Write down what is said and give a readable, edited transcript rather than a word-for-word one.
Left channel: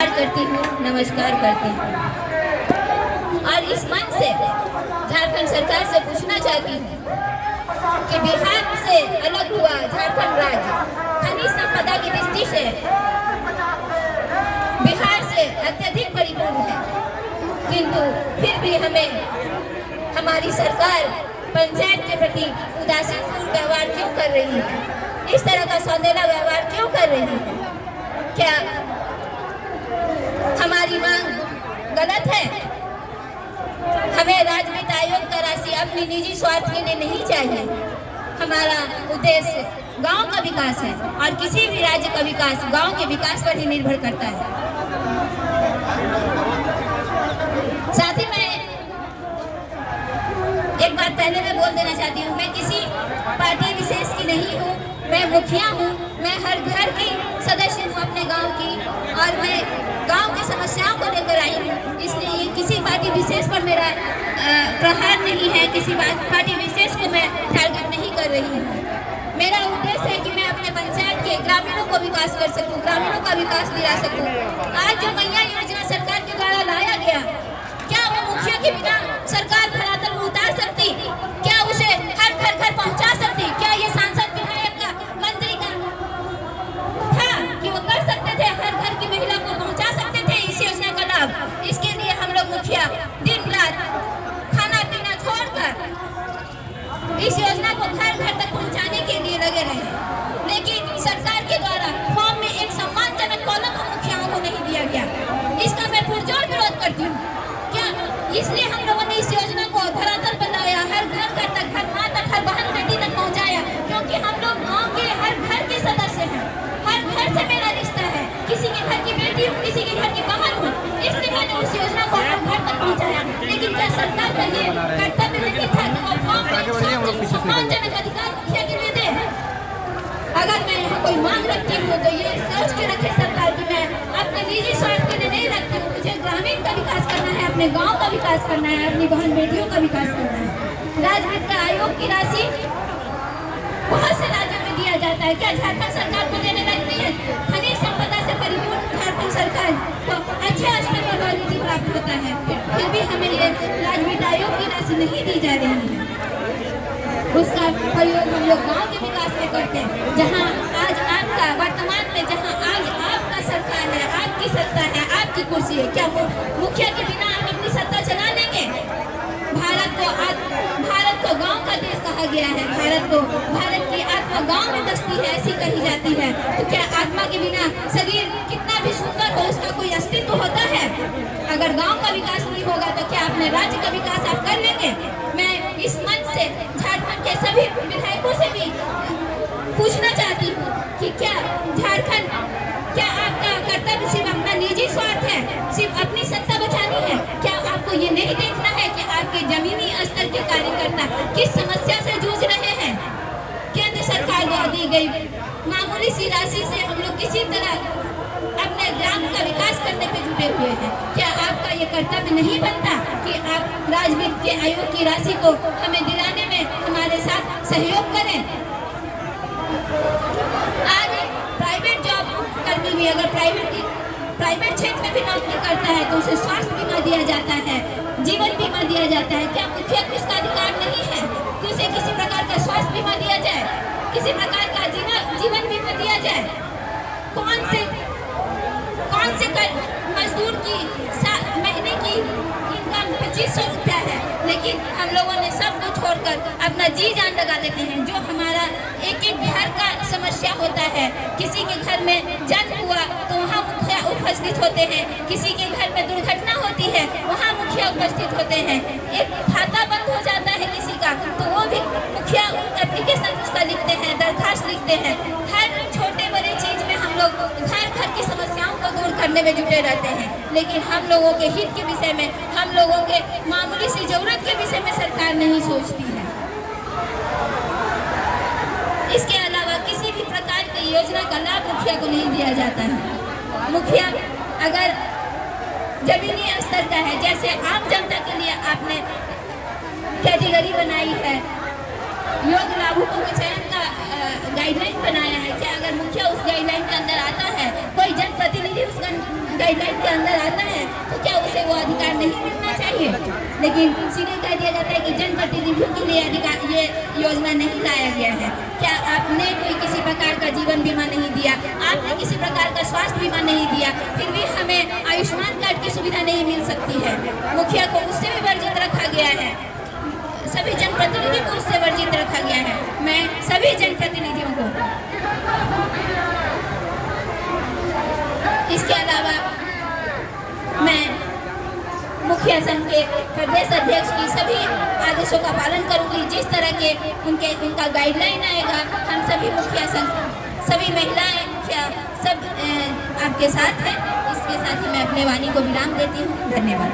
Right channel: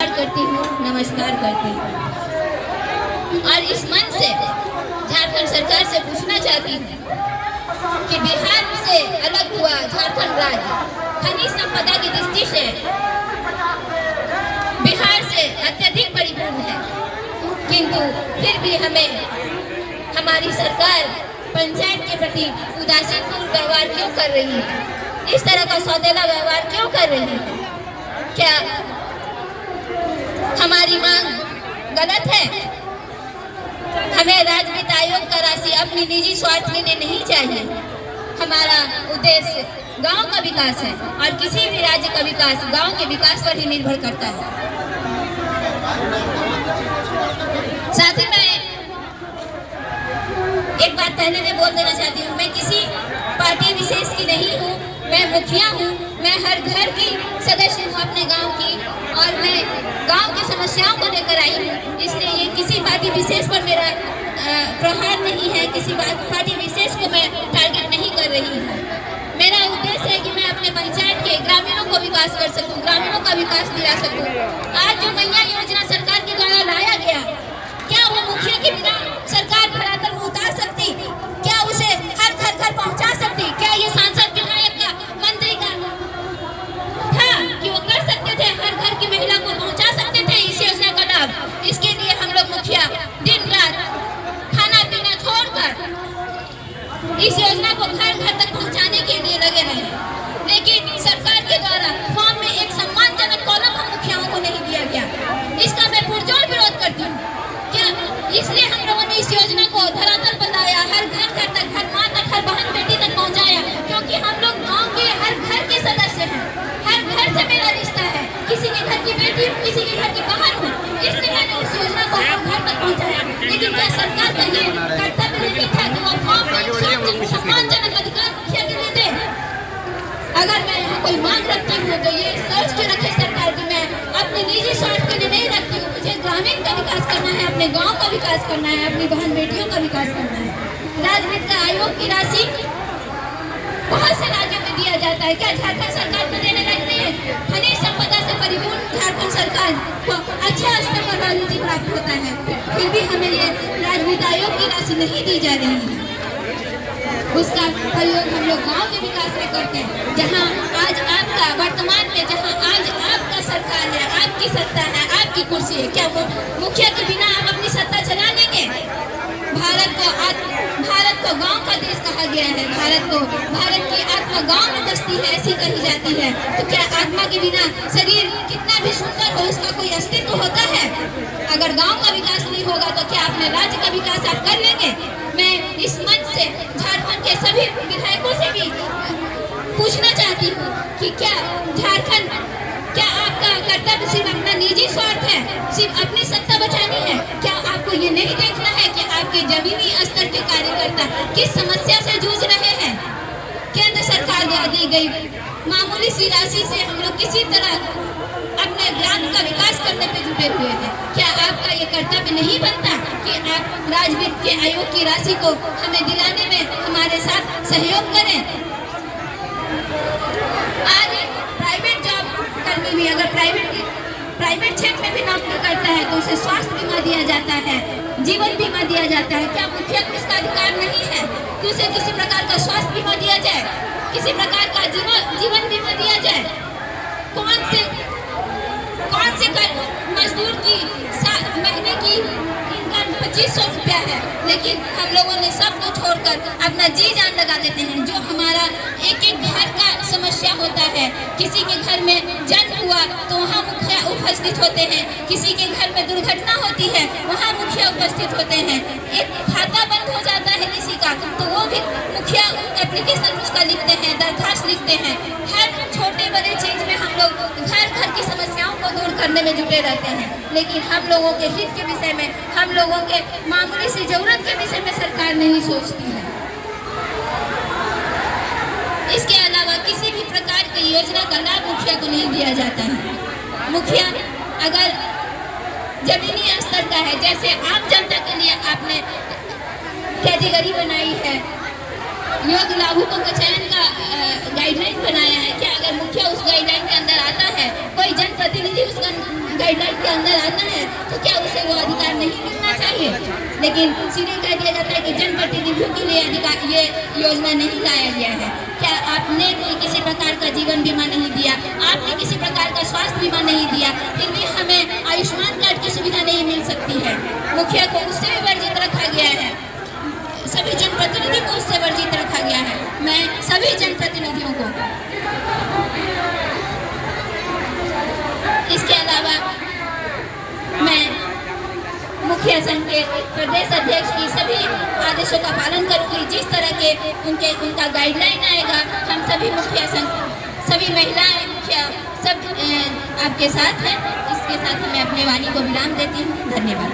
करती हूँ, नमस्कार करती हूँ। और इस मंच से झारखंड सरकार से पूछना चाहती हूँ कि बिहार से अलग हुआ झारखंड राज्य खनिज संपदा की दृष्टि से बिहार से अत्यधिक परिपूर्ण है, किंतु फिर भी हमें हमारी सरकार पंचायत के प्रति उदासीनपूर्ण व्यवहार क्यों कर रही है? इस तरह का सौदेला व्यवहार क्यों कर रही है? क्या हमारी मांग गलत है? हमें राज्य वित्त आयोग का राशि अपनी निजी स्वार्थ के लिए नहीं चाहिए। हमारा उद्देश्य गांव का विकास है और किसी भी राज्य का विकास गांव के विकास पर ही निर्भर करता है। साथ ही मैं एक बात पहले मैं बोल देना चाहती हूँ, मैं किसी पार्टी विशेष की नहीं हूँ, मैं मुखिया हूँ, मैं हर घर की सदस्य हूँ अपने गांव की, और मैं गांव की समस्याओं को लेकर आई हूँ। इसलिए ये किसी पार्टी विशेष पर मेरा प्रहार नहीं है, किसी पार्टी विशेष को मैं टारगेट नहीं कर रही हूँ। मेरा उद्देश्य है कि मैं अपने पंचायत के ग्रामीणों को विकास कर सकूँ, ग्रामीणों का विकास दिला सकूँ। आज जो मैया योजना सरकार के द्वारा लाया गया, क्या वो मुखिया के बिना सरकार धरातल में उतार सकती? क्या उसे हर घर पहुंचा सकती? क्या ये सांसद विधायक का मंत्री का था कि वो कर सकते थे, हर घर की महिला को पहुंचा सकते थे इस योजना का लाभ? इसके लिए हम लोग मुखिया दिन रात खाना पीना छोड़कर इस योजना को घर घर तक पहुंचाने के लिए लगे रहे, लेकिन सरकार के द्वारा फॉर्म में एक सम्मानजनक कॉलम हम मुखियाओं को नहीं दिया गया। इसका मैं पुरजोर विरोध करती हूँ। क्या इसलिए हम लोगों ने इस योजना को धरातल पर लाया, हर घर तक, हर माँ तक, हर बहन बेटी तक पहुंचाया, क्योंकि हम लोग गांव के हर घर के सदस्य हैं, हर घर से मेरा रिश्ता है, किसी के घर की बेटी हूँ, किसी के घर की बहन हूँ, इसलिए मैंने उस योजना को हर घर तक पहुंचाया। लेकिन क्या सरकार का ये कर्तव्य नहीं था कि वो फॉर्म में सम्मानजनक अधिकार मुखिया के लिए दे? अगर मैं यहाँ कोई मांग रखती हूँ तो ये सोच के रखे सरकार की मैं अपने निजी स्वार्थ के लिए नहीं रखती हूँ। मुझे ग्रामीण का विकास करना है, अपने गांव का विकास करना है, अपनी बहन बेटियों का विकास करना है। राज्य वित्त आयोग की राशि बहुत से राज्यों में दिया जाता है, क्या झारखंड सरकार को देने लायक नहीं है? खनिज संपदा से परिपूर्ण झारखंड सरकार को अच्छे स्तर पर राजनीति प्राप्त होता है, फिर भी हमें ये राज्य वित्त आयोग की राशि नहीं दी जा रही है। उसका प्रयोग हम लोग गांव के विकास में करते हैं, जहां आज आपका वर्तमान में, जहां आज आपका सरकार है, आपकी सत्ता है, आपकी कुर्सी है, क्या वो मुखिया के बिना आप अपनी सत्ता चला लेंगे? भारत को गांव का देश कहा गया है, भारत की आत्मा गांव में बसती है, ऐसी कही जाती है। तो क्या आत्मा के बिना शरीर कितना भी सुंदर हो, उसका कोई अस्तित्व होता है? अगर गांव का विकास नहीं होगा तो क्या अपने राज्य का विकास आप कर लेंगे? मैं इस मंच से झारखंड के सभी विधायकों से भी पूछना चाहती हूँ कि क्या आपका कर्तव्य सिर्फ अपना निजी स्वार्थ है, सिर्फ अपनी सत्ता बचानी है? क्या आपको ये नहीं देखना है कि आपके जमीनी स्तर के कार्यकर्ता किस समस्या से जूझ रहे हैं? केंद्र सरकार द्वारा दी गई मामूली सी राशि से हम लोग किसी तरह अपने ग्राम का विकास करने पे जुटे हुए थे। क्या आपका ये कर्तव्य नहीं बनता कि आप राज्य वित्त आयोग की राशि को हमें दिलाने में हमारे साथ सहयोग करें? आज प्राइवेट जॉब करने में, अगर प्राइवेट क्षेत्र में भी नौकरी करता है तो उसे स्वास्थ्य बीमा दिया जाता है, जीवन बीमा दिया जाता है। क्या मुखिया को इसका अधिकार नहीं है कि उसे किसी प्रकार का स्वास्थ्य बीमा दिया जाए, किसी प्रकार का जीवन बीमा दिया जाए? कौन से मजदूर की महीने की इनकम 2500 रुपया है, लेकिन हम लोगों ने सब को छोड़कर अपना जी जान लगा देते हैं। जो हमारा एक घर का समस्या होता है, किसी के घर में जन्म हुआ तो वहाँ मुखिया उपस्थित होते हैं, किसी के घर में दुर्घटना होती है वहाँ मुखिया उपस्थित होते हैं, एक खाता बंद हो जाता है किसी का तो वो भी मुखिया एप्लीकेशन उसका लिखते हैं, दरखास्त लिखते हैं। हर छोटे बड़े चीज में हम लोग घर की समस्याओं को दूर करने में जुटे रहते हैं, लेकिन हम लोगों के हित के विषय में, हम लोगों के मामूली सी जरूरत के विषय में सरकार नहीं सोचती है। इसके अलावा किसी भी प्रकार की योजना का लाभ मुखिया को नहीं दिया जाता है। मुखिया अगर जमीनी स्तर का है, जैसे आम जनता के लिए आपने कैटेगरी बनाई है, योग लाभुकों के चयन का गाइडलाइन बनाया है। क्या अगर मुखिया उस गाइडलाइन के अंदर आता है, कोई जनप्रतिनिधि उस गाइडलाइन के अंदर आता है, तो क्या उसे वो अधिकार नहीं मिलना चाहिए? लेकिन सीधे कह दिया जाता है कि जनप्रतिनिधियों के लिए अधिकार, ये योजना नहीं लाया गया है। क्या आपने कोई किसी प्रकार का जीवन बीमा नहीं दिया, आपने किसी प्रकार का स्वास्थ्य बीमा नहीं दिया, फिर भी हमें आयुष्मान कार्ड की सुविधा नहीं मिल सकती है? मुखिया को उससे भी वर्जित रखा गया है, सभी जनप्रतिनिधि को उससे वर्जित रखा गया है। मैं सभी जनप्रतिनिधियों को, इसके अलावा मैं मुखिया संघ के प्रदेश अध्यक्ष की सभी आदेशों का पालन करूंगी। जिस तरह के उनका गाइडलाइन आएगा, हम सभी मुखिया संघ, सभी महिलाएं, मुखिया सब आपके साथ हैं। इसके साथ मैं अपने वाणी को विराम देती हूँ। धन्यवाद।